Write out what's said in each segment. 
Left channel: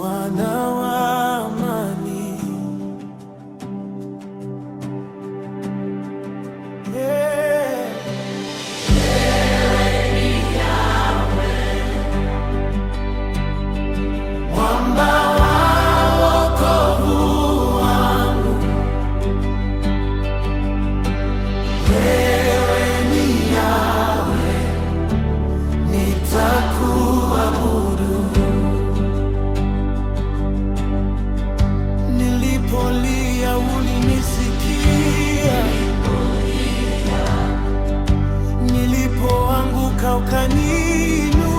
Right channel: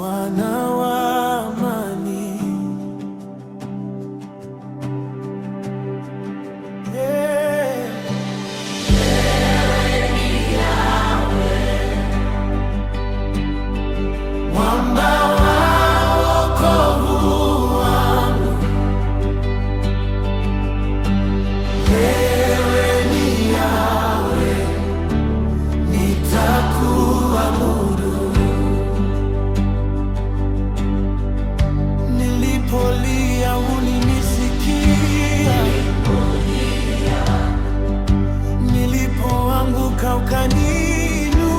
Bwana wa amani. Yeah. Wewe ni Yahweh, Mwamba wa wokovu wangu. Wewe ni Yahweh, nitakuabudu. Nilipolia ulinisikia, nilipoanguka ukaniinua.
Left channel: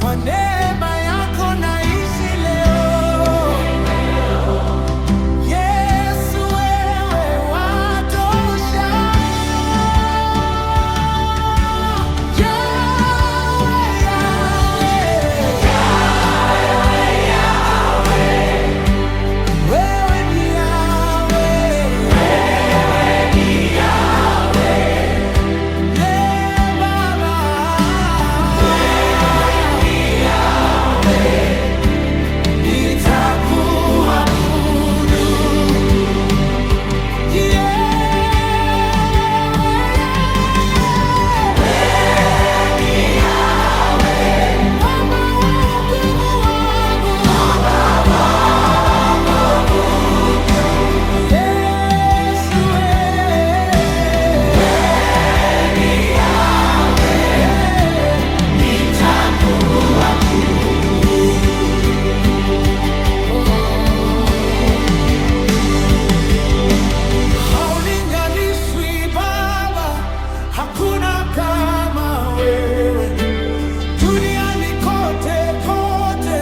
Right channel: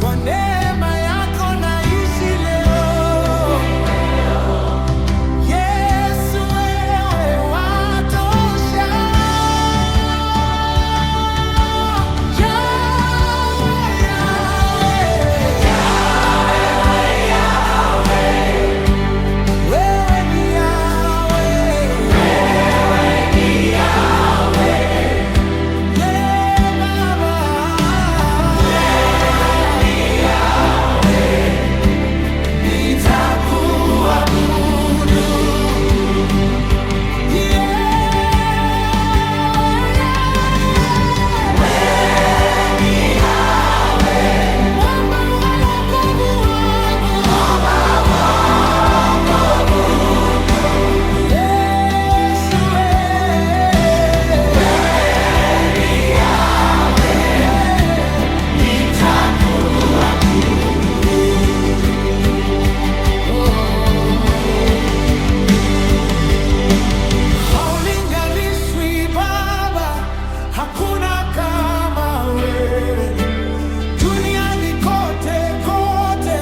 Kwa neema yako naishi leo. Yesu, wewe watosha. Yahweh, Yahweh, wewe ni Yahweh. Yeah, Baba. Nitakuabudu. Mwamba wa wokovu wangu. Yesu, haulinganishwi Baba, hakuna kama wewe duniani kote kote,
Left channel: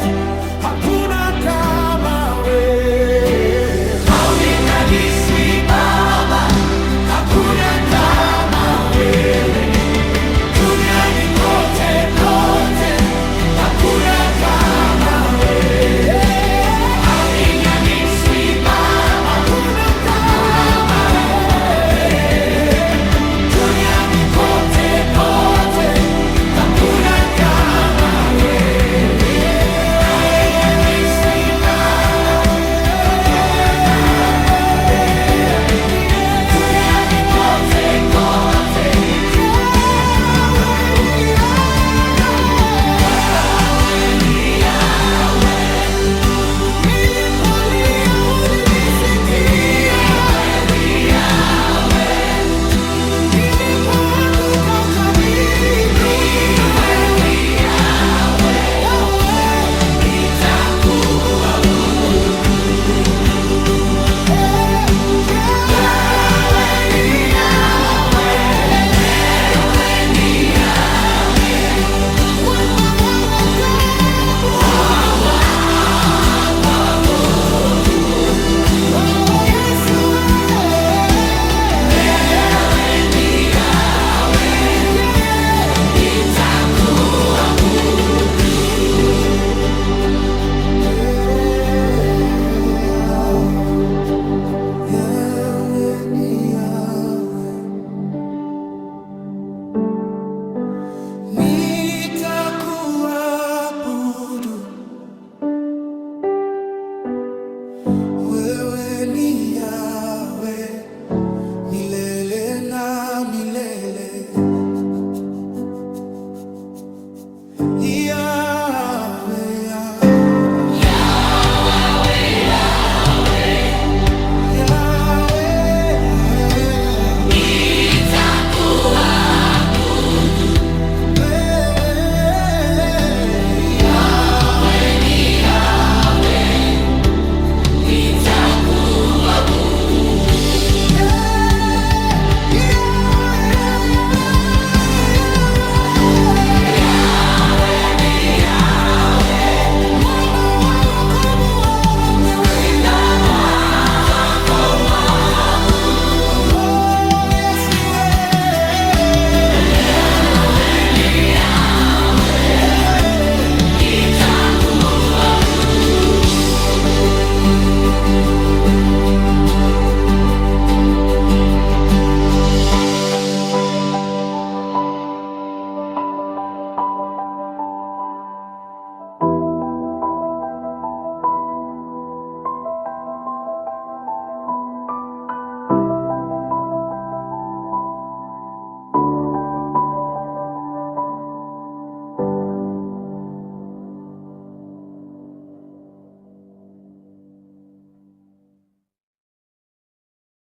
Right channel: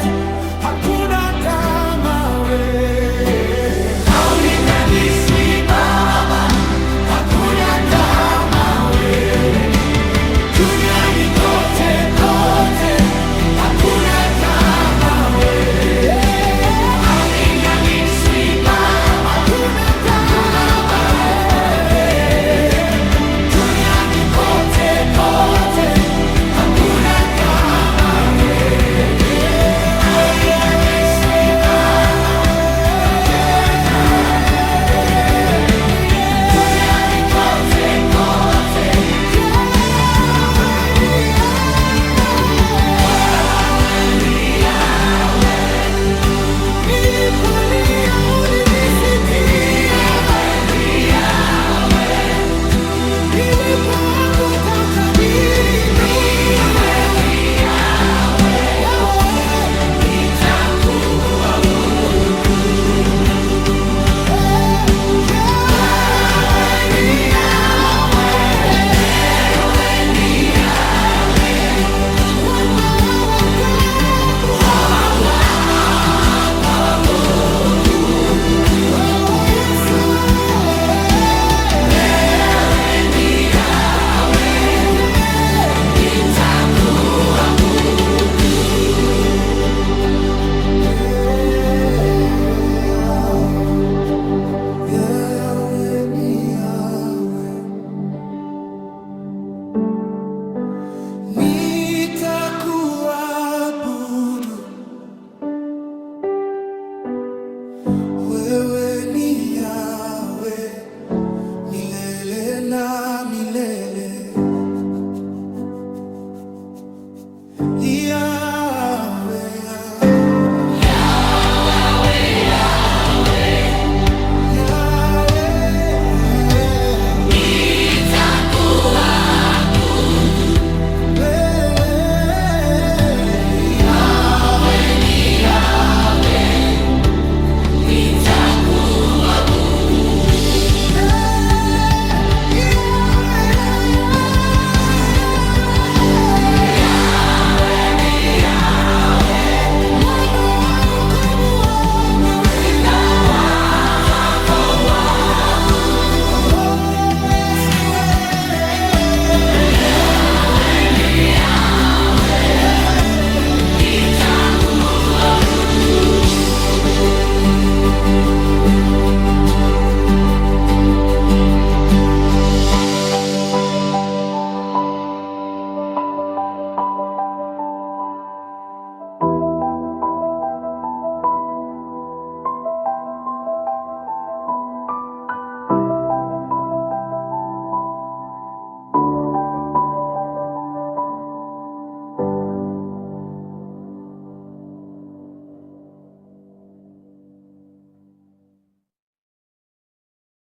hakuna kama wewe. Haulinganishwi Baba, hakuna kama wewe duniani kote kote, hakuna kama wewe. Haulinganishwi Baba, hakuna kama wewe duniani kote kote, hakuna kama wewe. Nilipolia ulinisikia, nilipoanguka ukaniinua. Mwamba wa wokovu. Oh, Yesu, Yahweh ni Yahweh, nitakuabudu. Wewe ni Yahweh milele na milele.